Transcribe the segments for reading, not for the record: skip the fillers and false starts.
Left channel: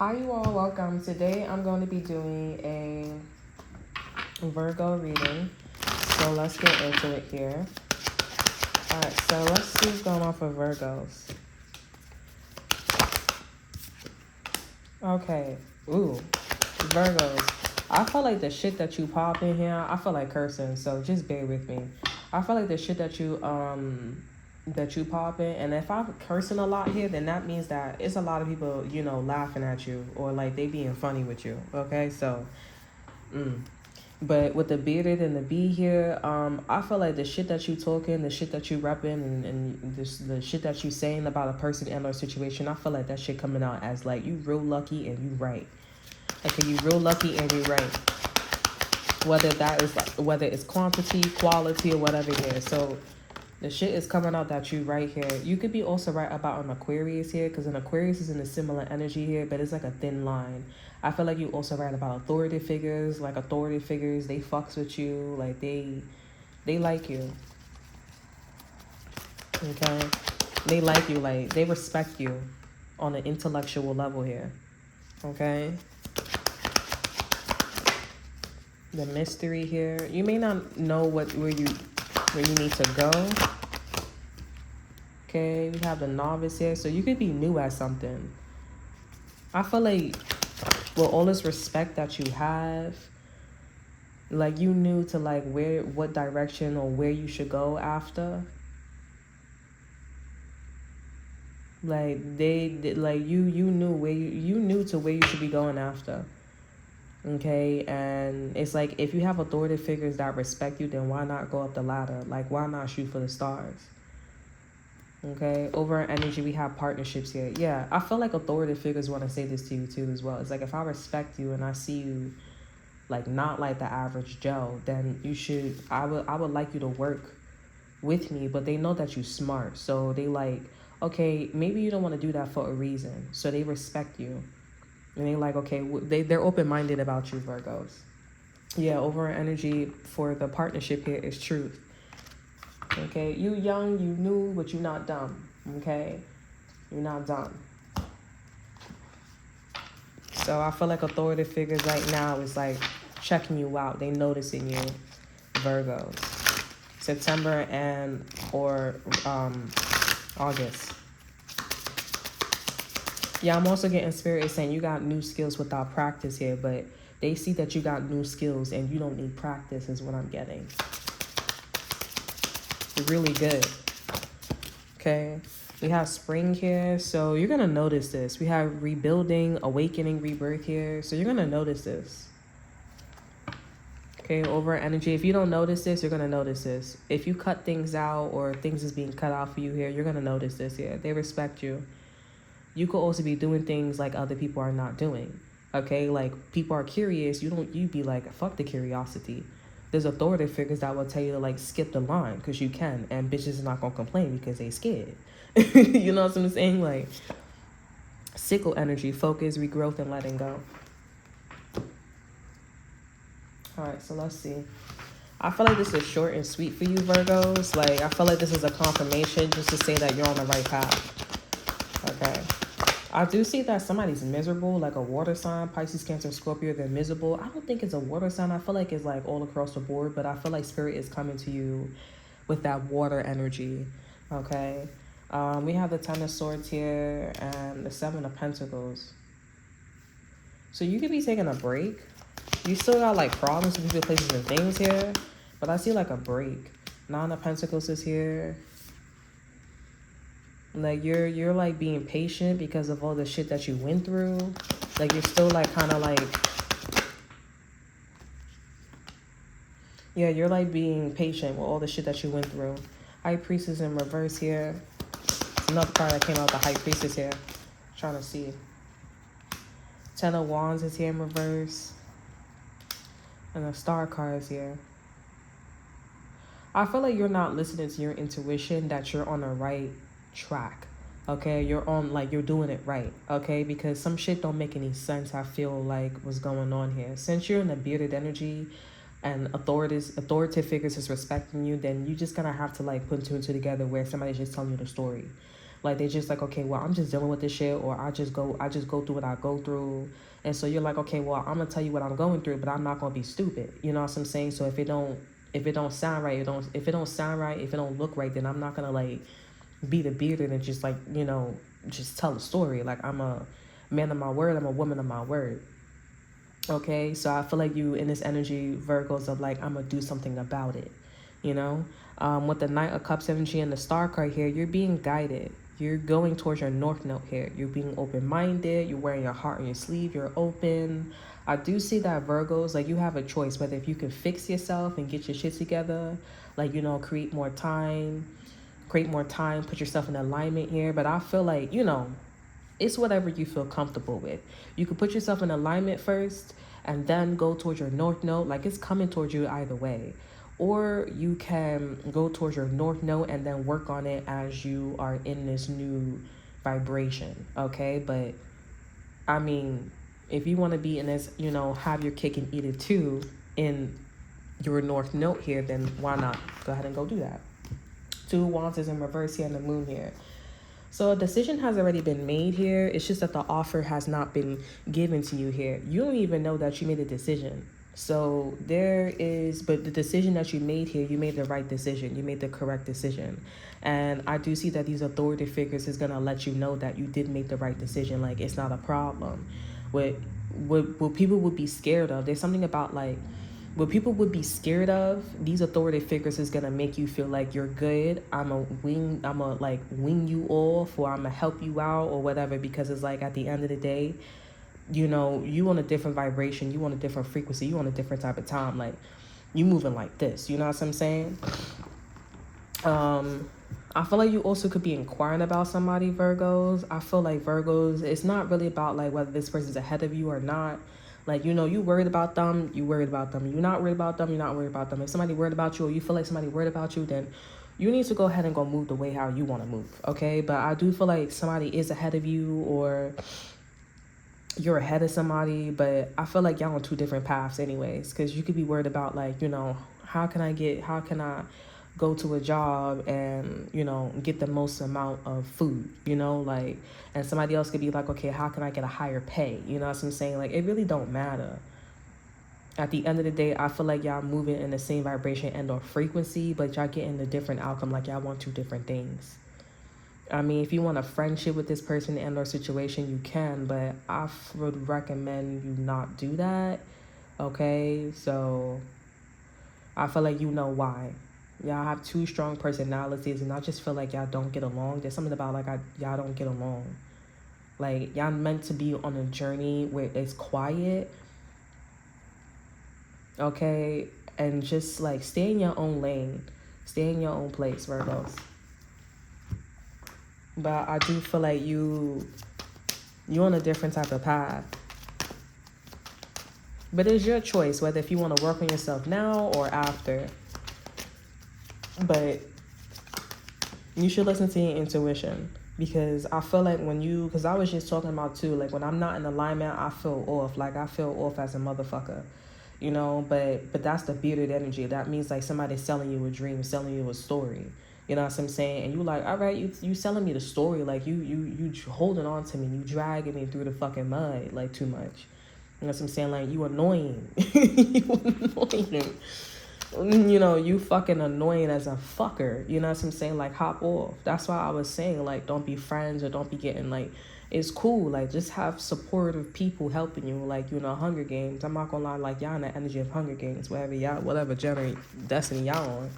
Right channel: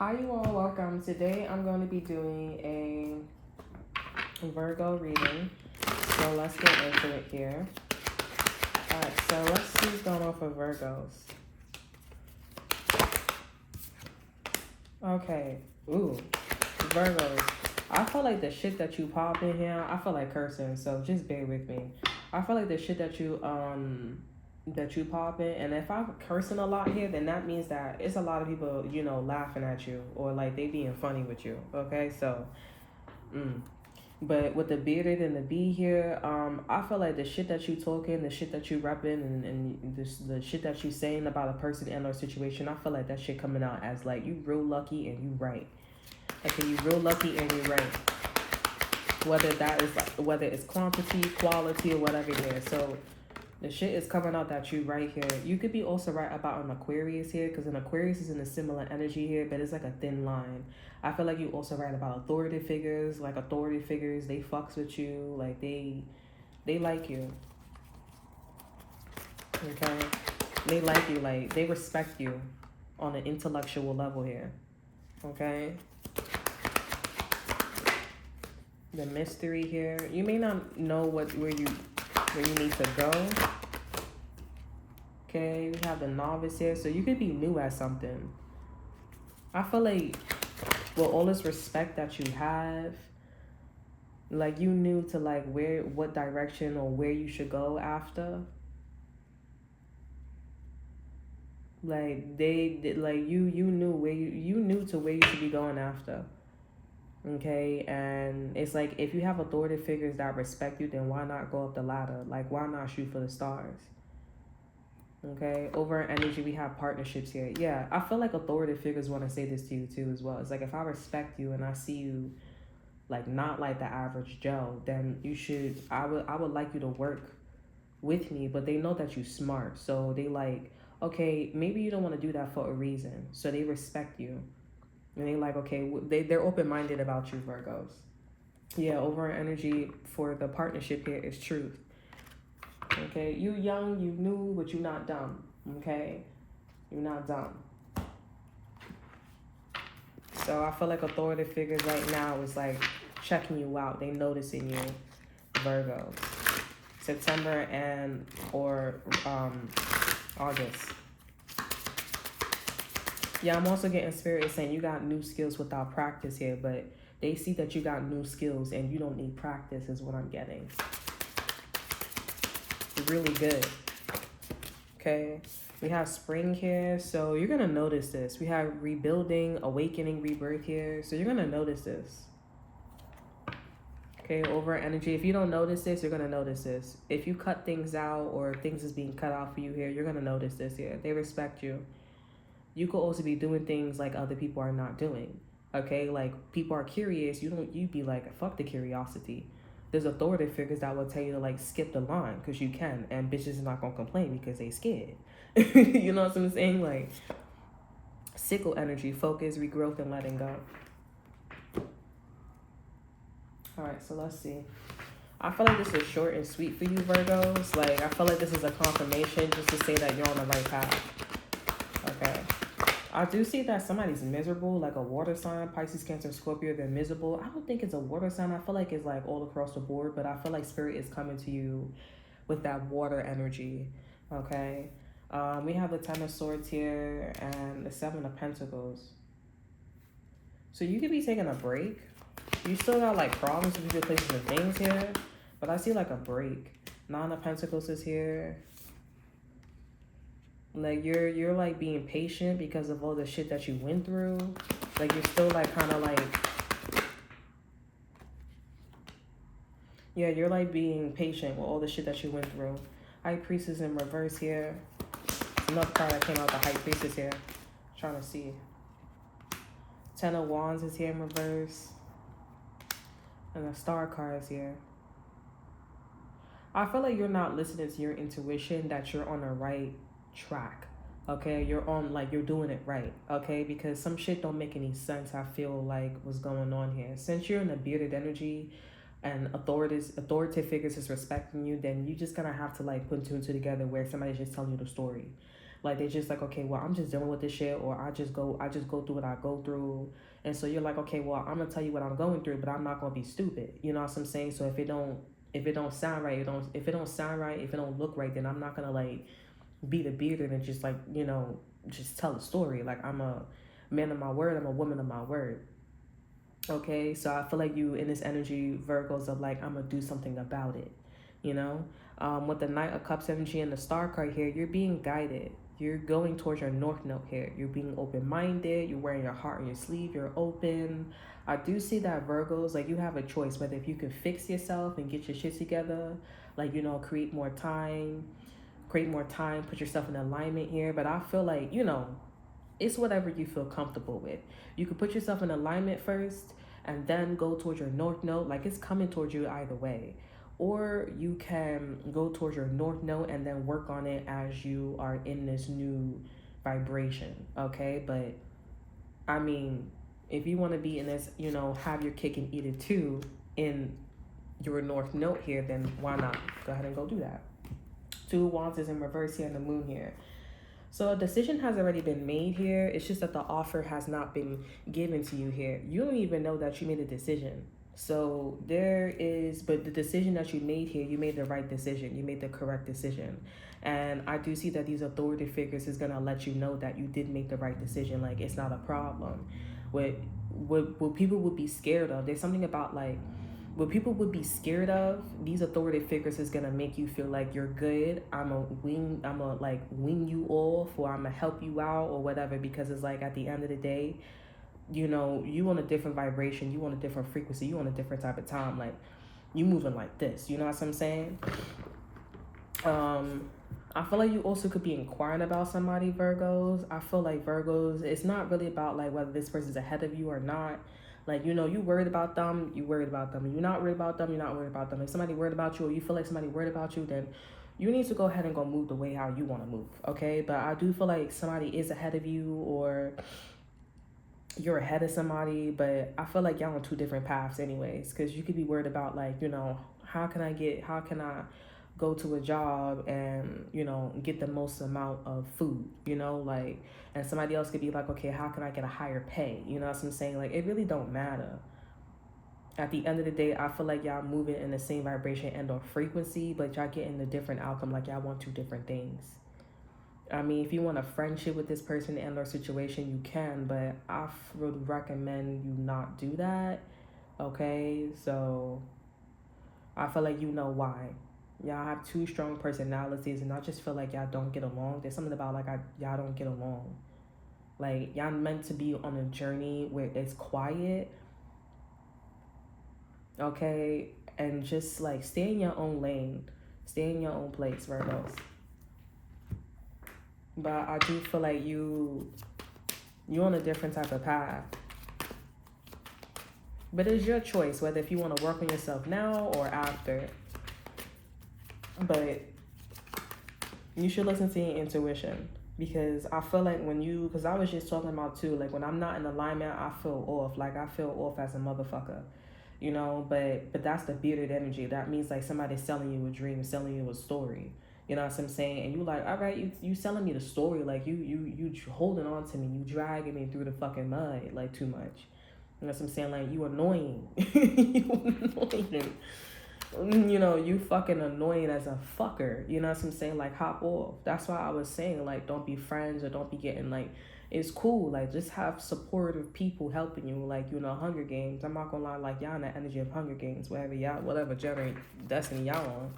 Hi you all, welcome. Today I'm going to be doing a Virgo reading. So let's get into it here. Alright, so let's see what's going on for Virgos. Okay. Ooh. Virgos. I feel like the shit that you pop in here, I feel like cursing, so just bear with me. I feel like the shit that you pop in, and if I'm cursing a lot here, then that means that it's a lot of people, laughing at you or like they being funny with you. Okay, so but with the bearded and the bee here, I feel like the shit that you talking, the shit that you repping, and the shit that you saying about a person and or situation, I feel like that shit coming out as like you real lucky and you right. Okay, you real lucky and you right. Whether it's quantity, quality, or whatever it is. So the shit is coming out that you right here. You could be also right about an Aquarius here, because an Aquarius is in a similar energy here, but it's like a thin line. I feel like you also right about authority figures. Like authority figures, they fucks with you. Like they like you. Okay, they like you. Like they respect you on an intellectual level here. Okay. The mystery here. You may not know where you need to go. Okay, we have the novice here. So you could be new at something. I feel like with all this respect that you have, like you knew to like what direction or where you should go after. Like they did, like you knew where you knew to where you should be going after. Okay, and it's like if you have authority figures that respect you, then why not go up the ladder? Like why not shoot for the stars? Okay, over energy we have partnerships here. Yeah, I feel like authority figures want to say this to you too as well. It's like if I respect you and I see you like not like the average Joe, then you should I would like you to work with me, but they know that you smart, so they like, okay, maybe you don't want to do that for a reason, so they respect you. And they like, okay, they're open-minded about you, Virgos. Yeah, over energy for the partnership here is truth. Okay, you young, you new, but you're not dumb. Okay, you're not dumb. So I feel like authority figures right now is like checking you out. They noticing you, Virgos. September and or August. Yeah, I'm also getting spirit is saying you got new skills without practice here, but they see that you got new skills and you don't need practice is what I'm getting. Really good. Okay. We have spring here, so you're going to notice this. We have rebuilding, awakening, rebirth here, so you're going to notice this. Okay, over energy. If you don't notice this, you're going to notice this. If you cut things out or things is being cut out for you here, you're going to notice this here. They respect you. You could also be doing things like other people are not doing. Okay, like people are curious. You be like, fuck the curiosity. There's authority figures that will tell you to like skip the line because you can, and bitches are not gonna complain because they scared. You know what I'm saying? Like sickle energy, focus, regrowth, and letting go. All right, so let's see. I feel like this is short and sweet for you, Virgos. Like I feel like this is a confirmation just to say that you're on the right path. Okay. I do see that somebody's miserable, like a water sign, Pisces, Cancer, Scorpio, they're miserable. I don't think it's a water sign. I feel like it's like all across the board, but I feel like spirit is coming to you with that water energy, okay? We have the Ten of Swords here and the Seven of Pentacles. So you could be taking a break. You still got like problems with people, places, and things here, but I see like a break. Nine of Pentacles is here. Like you're like being patient because of all the shit that you went through. Like you're still like kind of like, yeah, you're like being patient with all the shit that you went through. High Priestess in reverse here. Another card that came out, the High Priestess here. Trying to see. Ten of Wands is here in reverse. And the Star card is here. I feel like you're not listening to your intuition, that you're on the right track. Okay, you're on, like, you're doing it right. Okay, because some shit don't make any sense. I feel like what's going on here. Since you're in the bearded energy and authoritative figures is respecting you, then you just gonna have to like put two and two together where somebody's just telling you the story. Like they're just like, okay, well, I'm just dealing with this shit, or I just go through what I go through. And so you're like, okay, well, I'm gonna tell you what I'm going through, but I'm not gonna be stupid. You know what I'm saying? So if it don't sound right, if it don't sound right, if it don't look right, then I'm not gonna like be the bearded and just like, just tell the story. Like I'm a man of my word, I'm a woman of my word. Okay, so I feel like you in this energy, Virgos, of like, I'm gonna do something about it, you know? With the Knight of Cups energy and the Star card here, you're being guided. You're going towards your North Node here. You're being open-minded. You're wearing your heart on your sleeve. You're open. I do see that, Virgos, like you have a choice whether if you can fix yourself and get your shit together, like, create more time, put yourself in alignment here. But I feel like, it's whatever you feel comfortable with. You can put yourself in alignment first and then go towards your North Node. Like it's coming towards you either way. Or you can go towards your North Node and then work on it as you are in this new vibration, okay? But, I mean, if you want to be in this, have your cake and eat it too in your North Node here, then why not go ahead and go do that? 2 Wands is in reverse here and the Moon here. So a decision has already been made here. It's just that the offer has not been given to you here. You don't even know that you made a decision. So but the decision that you made here, you made the right decision. You made the correct decision. And I do see that these authority figures is going to let you know that you did make the right decision. Like, it's not a problem. What people would be scared of, there's something about like, what people would be scared of, these authority figures is going to make you feel like you're good. I'm a wing you off, or I'm going to help you out or whatever, because it's like at the end of the day, you on a different vibration, you on a different frequency, you on a different type of time. Like, you moving like this, you know what I'm saying? I feel like you also could be inquiring about somebody, Virgos. I feel like Virgos, it's not really about like whether this person's ahead of you or not. Like, you worried about them, you worried about them. You're not worried about them, you're not worried about them. If somebody worried about you, or you feel like somebody worried about you, then you need to go ahead and go move the way how you want to move, okay? But I do feel like somebody is ahead of you, or you're ahead of somebody, but I feel like y'all on 2 different paths anyways, because you could be worried about like, how can I go to a job and, get the most amount of food, like, and somebody else could be like, okay, how can I get a higher pay? You know what I'm saying? Like, it really don't matter. At the end of the day, I feel like y'all moving in the same vibration and or frequency, but y'all getting the different outcome. Like, y'all want 2 different things. I mean, if you want a friendship with this person and or situation, you can, but I would recommend you not do that, okay? So, I feel like you know why. Y'all have 2 strong personalities, and I just feel like y'all don't get along. There's something about, like, y'all don't get along. Like, y'all meant to be on a journey where it's quiet, okay? And just, like, stay in your own lane. Stay in your own place, Virgos. But I do feel like you're on a different type of path. But it's your choice, whether if you want to work on yourself now or after. But you should listen to your intuition, because I feel like because I was just talking about too, like when I'm not in alignment, I feel off. Like, I feel off as a motherfucker, but that's the bearded energy. That means like somebody's selling you a dream, selling you a story. You know what I'm saying? And you like, all right, you selling me the story. Like, you holding on to me. You dragging me through the fucking mud, like, too much. You know what I'm saying? Like, you annoying. You annoying. You fucking annoying as a fucker. You know what I'm saying? Like, hop off. That's why I was saying, like, don't be friends or don't be getting, like, it's cool. Like, just have supportive people helping you. Like, Hunger Games. I'm not gonna lie, like, y'all in the energy of Hunger Games. Whatever generate destiny y'all on.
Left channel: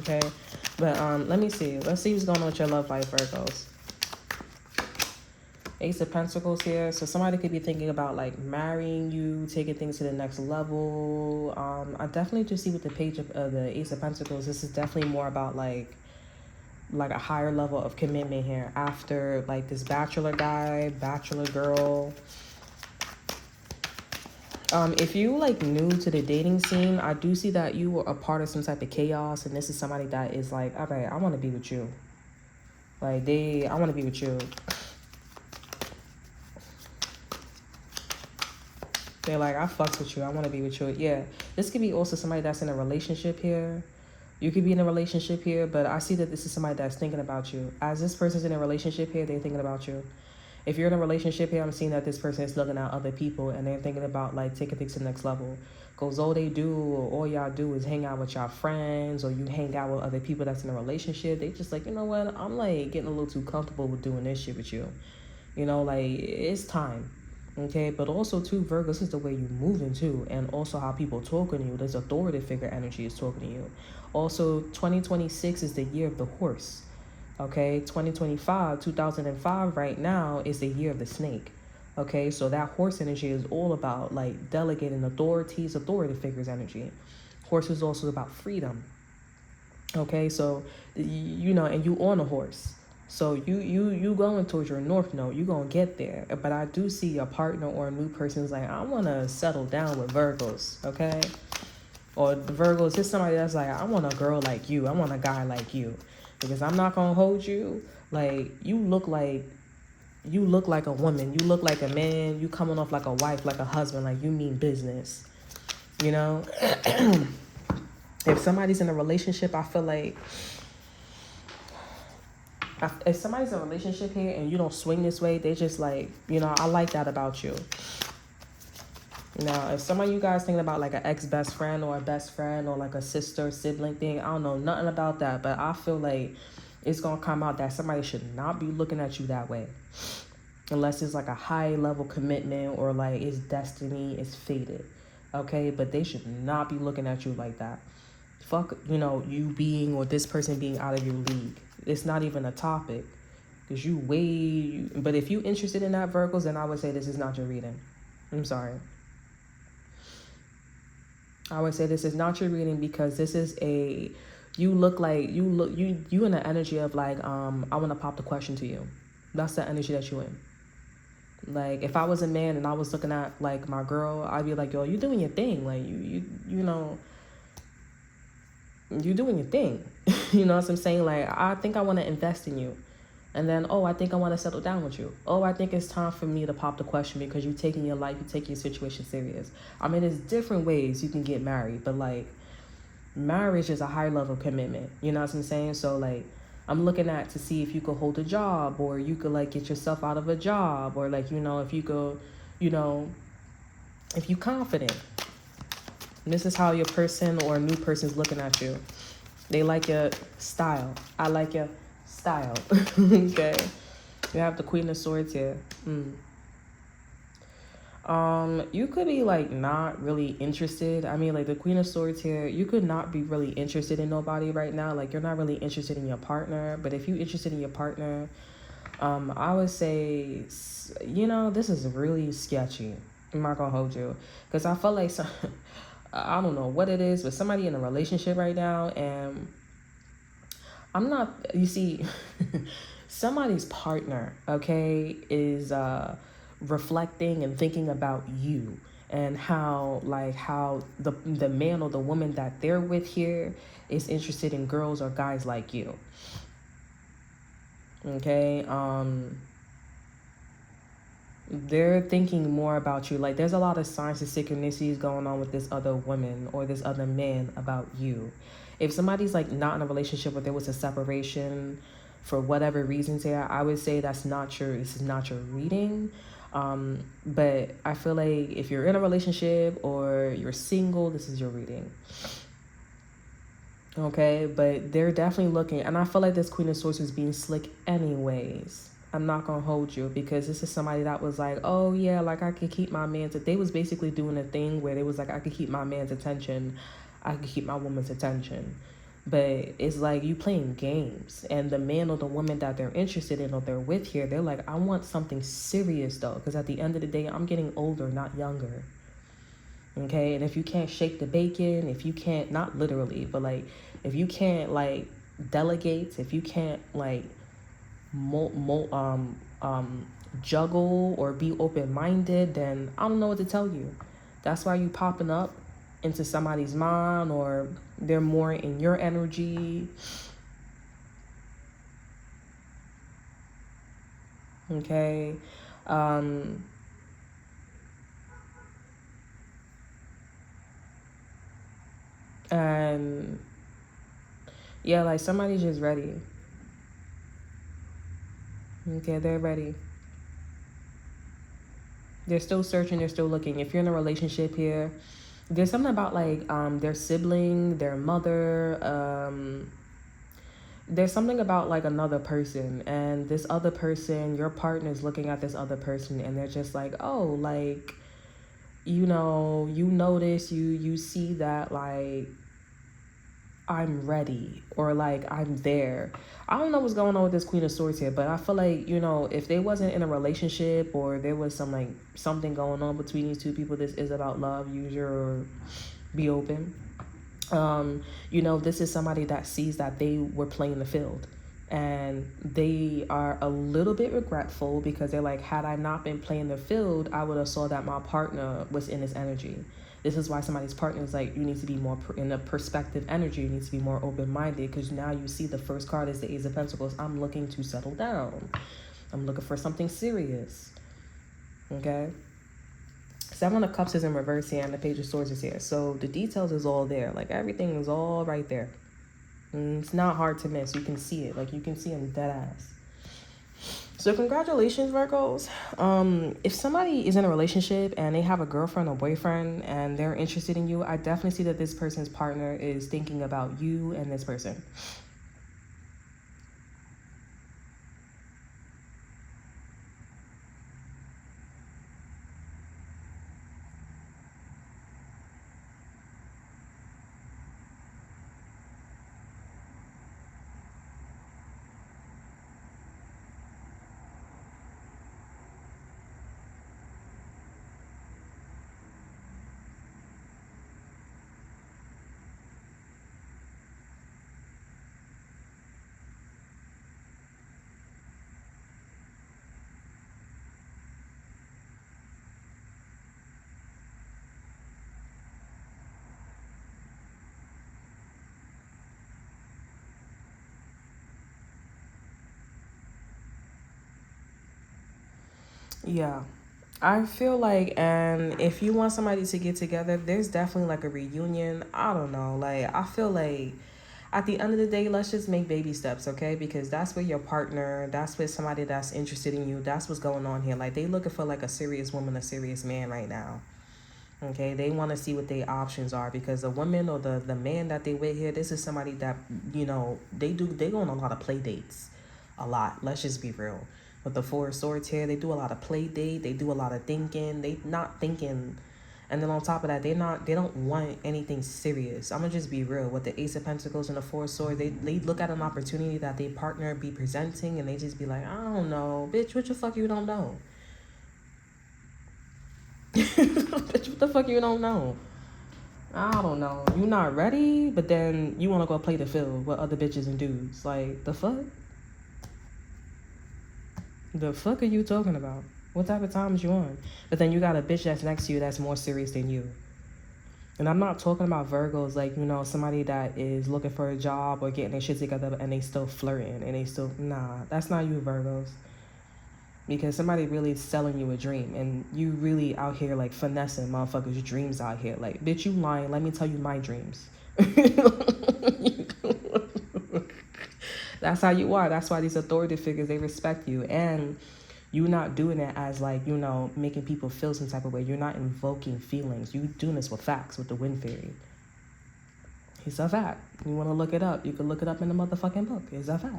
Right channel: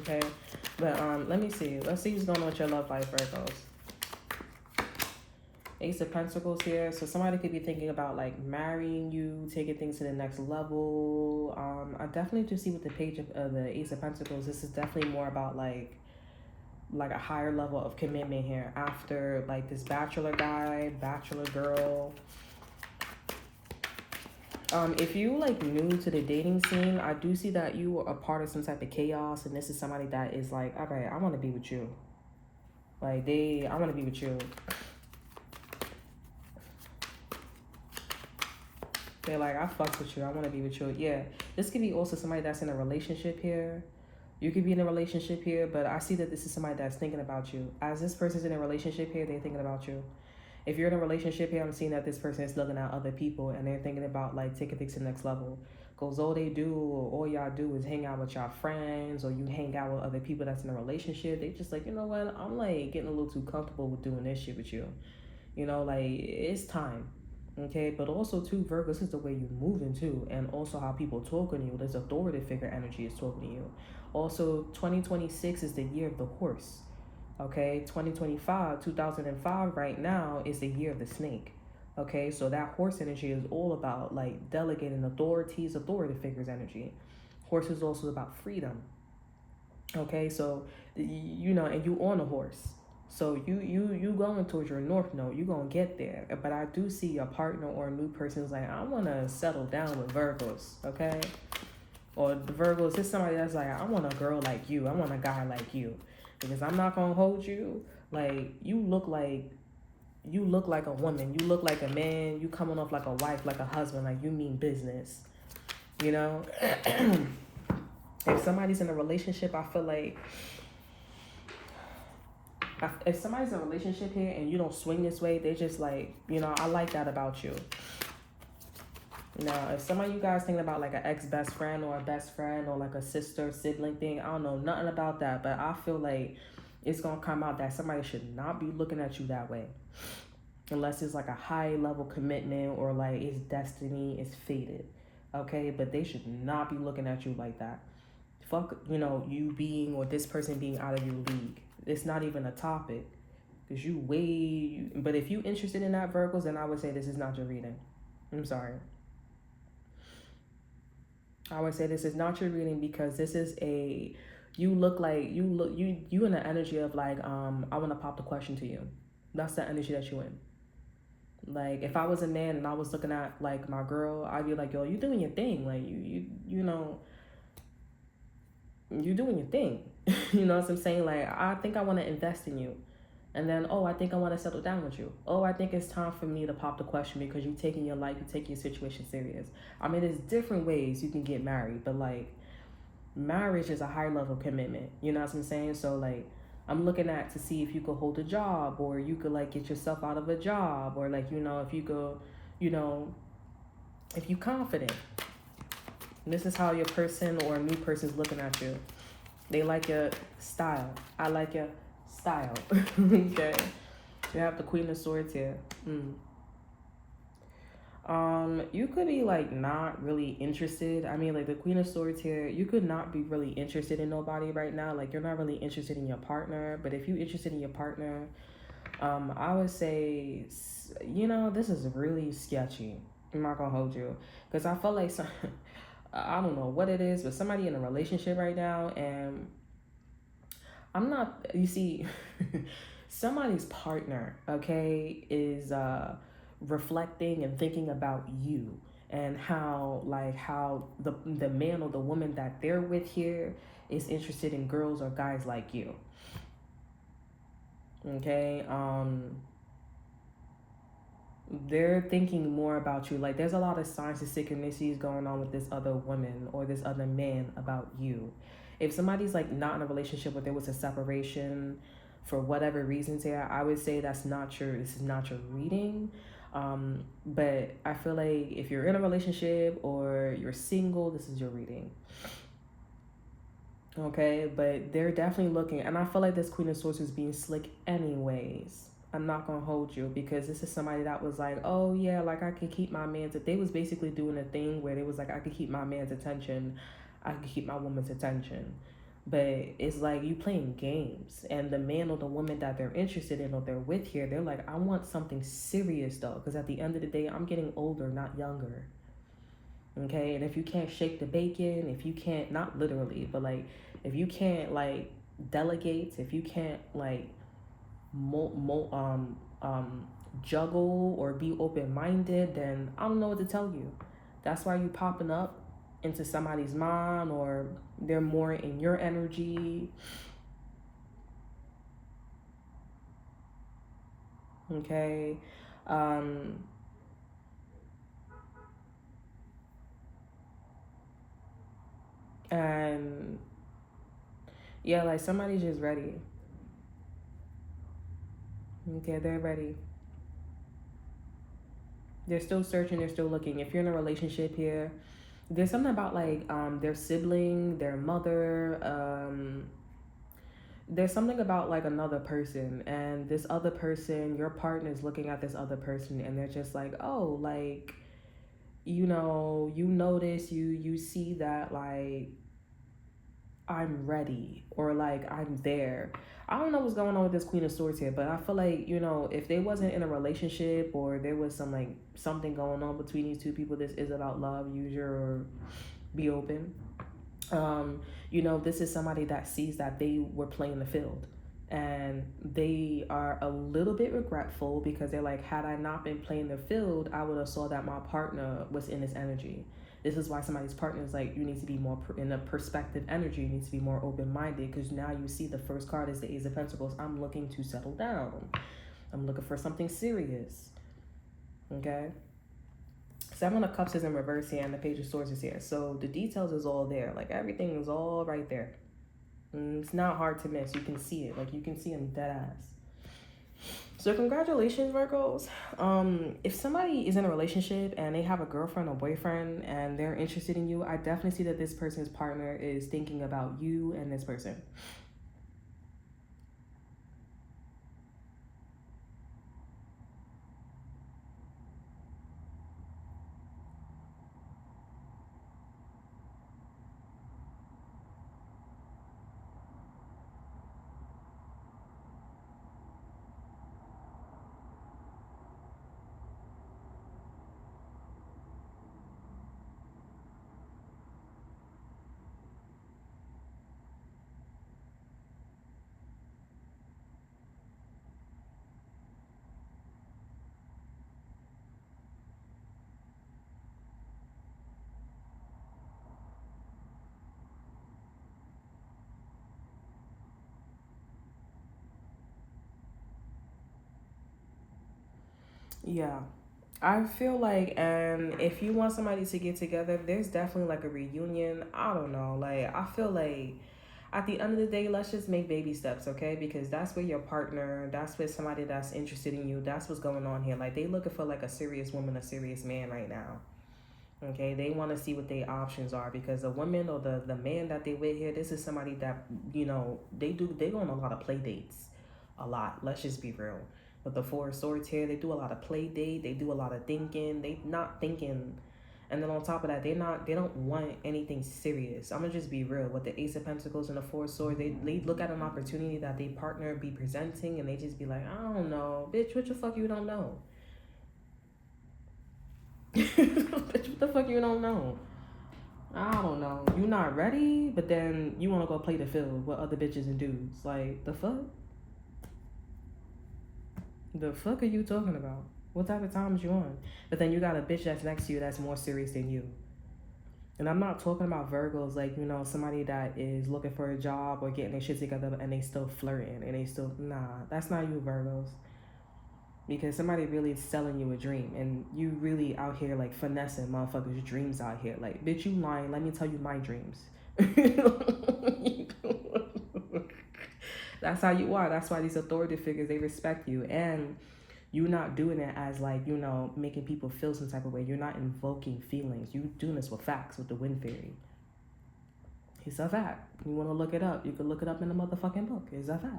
Okay? But, let me see. Let's see what's going on with your love life, Virgos. Ace of Pentacles here. So somebody could be thinking about like marrying you, taking things to the next level. I definitely just see with the page of the Ace of Pentacles, this is definitely more about like a higher level of commitment here after like this bachelor guy, bachelor girl. If you like new to the dating scene, I do see that you are a part of some type of chaos, and this is somebody that is like, all right, I want to be with you. Like I want to be with you. They're like, I fucks with you. I want to be with you. Yeah. This could be also somebody that's in a relationship here. You could be in a relationship here, but I see that this is somebody that's thinking about you. As this person's in a relationship here, they're thinking about you. If you're in a relationship here, I'm seeing that this person is looking at other people and they're thinking about like taking things to the next level. Because all they do or all y'all do is hang out with y'all friends, or you hang out with other people that's in a relationship. They just like, you know what, I'm like getting a little too comfortable with doing this shit with you. You know, like it's time. Okay, but also too, Virgo, this is the way you moving too, and also how people talking to you. This authoritative figure energy is talking to you. Also, 2026 is the year of the horse. Okay, 2005 right now is the year of the snake. Okay, so that horse energy is all about like delegating authoritative figures energy. Horse is also about freedom. Okay, so you know, and you on a horse. So you going towards your north node, you gonna get there. But I do see a partner or a new person's like, I wanna settle down with Virgos, okay? Or the Virgos is somebody that's like, I want a girl like you, I want a guy like you. Because I'm not gonna hold you. Like you look like a woman, you look like a man, you coming off like a wife, like a husband, like you mean business. You know? If somebody's in a relationship, I feel like if somebody's in a relationship here and you don't swing this way, they just like, you know, I like that about you. Now, if some of you guys thinking about like an ex-best friend or a best friend or like a sister, sibling thing, I don't know nothing about that, but I feel like it's going to come out that somebody should not be looking at you that way. Unless it's like a high level commitment or like it's destiny, it's fated. Okay, but they should not be looking at you like that. Fuck, you know, you being or this person being out of your league. It's not even a topic. Because but if you interested in that, Virgos, then I would say this is not your reading. I'm sorry. I would say this is not your reading because this is you in the energy of like, I want to pop the question to you. That's the energy that you in. Like if I was a man and I was looking at like my girl, I'd be like, yo, you doing your thing. Like you know, you doing your thing. You know what I'm saying? Like I think I want to invest in you. And then, oh, I think I want to settle down with you. Oh, I think it's time for me to pop the question because you're taking your life, you're taking your situation serious. I mean, there's different ways you can get married, but like marriage is a higher level of commitment. You know what I'm saying? So like I'm looking at to see if you could hold a job or you could like get yourself out of a job or like, you know, if you go, you know, if you confident. This is how your person or a new person is looking at you. They like your style. I like your style. Okay. You have the Queen of Swords here. You could be like not really interested. I mean, like the Queen of Swords here, you could not be really interested in nobody right now. Like you're not really interested in your partner. But if you're interested in your partner, I would say, you know, this is really sketchy. I'm not gonna hold you because I felt like I don't know what it is, but somebody in a relationship right now, and I'm not. You see, somebody's partner, okay, is reflecting and thinking about you and how the man or the woman that they're with here is interested in girls or guys like you. Okay, they're thinking more about you. Like there's a lot of signs and synchronicities going on with this other woman or this other man about you. If somebody's like not in a relationship or there was a separation for whatever reasons here, I would say this is not your reading. But I feel like if you're in a relationship or you're single, this is your reading. Okay, but they're definitely looking, and I feel like this Queen of Swords is being slick anyways. I'm not gonna hold you because this is somebody that was like, oh yeah, like I could keep my man's. They was basically doing a thing where they was like, I could keep my man's attention, I could keep my woman's attention. But it's like you playing games, and the man or the woman that they're interested in or they're with here, they're like, I want something serious though, because at the end of the day, I'm getting older, not younger. Okay, and if you can't shake the bacon, if you can't, not literally, but like, if you can't like delegate, if you can't like juggle or be open-minded, then I don't know what to tell you. That's why you popping up into somebody's mind, or they're more in your energy. Okay. And Yeah, like somebody's just ready. Okay, they're ready. They're still searching, they're still looking. If you're in a relationship here, there's something about like their sibling, their mother, there's something about like another person, and this other person, your partner is looking at this other person and they're just like, oh, like, you know, you notice, you see that like I'm ready, or like I'm there. I don't know what's going on with this Queen of Swords here, but I feel like, you know, if they wasn't in a relationship or there was some like something going on between these two people, this is about love. Use your, be open. You know, this is somebody that sees that they were playing the field, and they are a little bit regretful because they're like, had I not been playing the field, I would have saw that my partner was in this energy. This is why somebody's partner is like, you need to be more in a perspective energy. You need to be more open-minded, because now you see the first card is the Ace of Pentacles. I'm looking to settle down. I'm looking for something serious. Okay? Seven of Cups is in reverse here, and the Page of Swords is here. So the details is all there. Like, everything is all right there. And it's not hard to miss. You can see it. Like, you can see them dead ass. So congratulations, Virgos. If somebody is in a relationship and they have a girlfriend or boyfriend and they're interested in you, I definitely see that this person's partner is thinking about you and this person. Yeah. I feel like, and if you want somebody to get together, there's definitely like a reunion. I don't know. Like, I feel like at the end of the day, let's just make baby steps, okay? Because that's where your partner, that's with somebody that's interested in you. That's what's going on here. Like, they looking for like a serious woman, a serious man right now. Okay, they want to see what their options are, because the woman or the man that they with here, this is somebody that, you know, they go on a lot of play dates, a lot. Let's just be real. With the Four of Swords here, they do a lot of play date. They do a lot of thinking. They not thinking, and then on top of that, they don't want anything serious. I'm gonna just be real. With the Ace of Pentacles and the Four of Swords, they look at an opportunity that they partner be presenting, and they just be like, I don't know, bitch, what the fuck you don't know? Bitch, what the fuck you don't know? I don't know. You not ready, but then you want to go play the field with other bitches and dudes. Like, the fuck? The fuck are you talking about? What type of time is you on? But then you got a bitch that's next to you that's more serious than you. And I'm not talking about Virgos, like, you know, somebody that is looking for a job or getting their shit together and they still flirting and they still, nah, that's not you, Virgos. Because somebody really is selling you a dream, and you really out here like finessing motherfuckers' dreams out here. Like, bitch, you lying. Let me tell you my dreams. That's how you are. That's why these authority figures, they respect you. And you're not doing it as like, you know, making people feel some type of way. You're not invoking feelings. You doing this with facts, with the wind fairy. It's a fact. You want to look it up, you can look it up in the motherfucking book. It's a fact.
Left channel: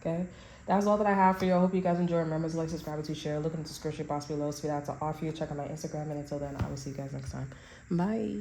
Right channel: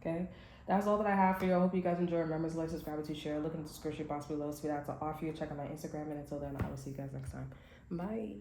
Okay? That's all that I have for you. I hope you guys enjoy. Remember to like, subscribe, to share. Look in the description box below so that's an offer you. Check out my Instagram. And until then, I will see you guys next time. Bye.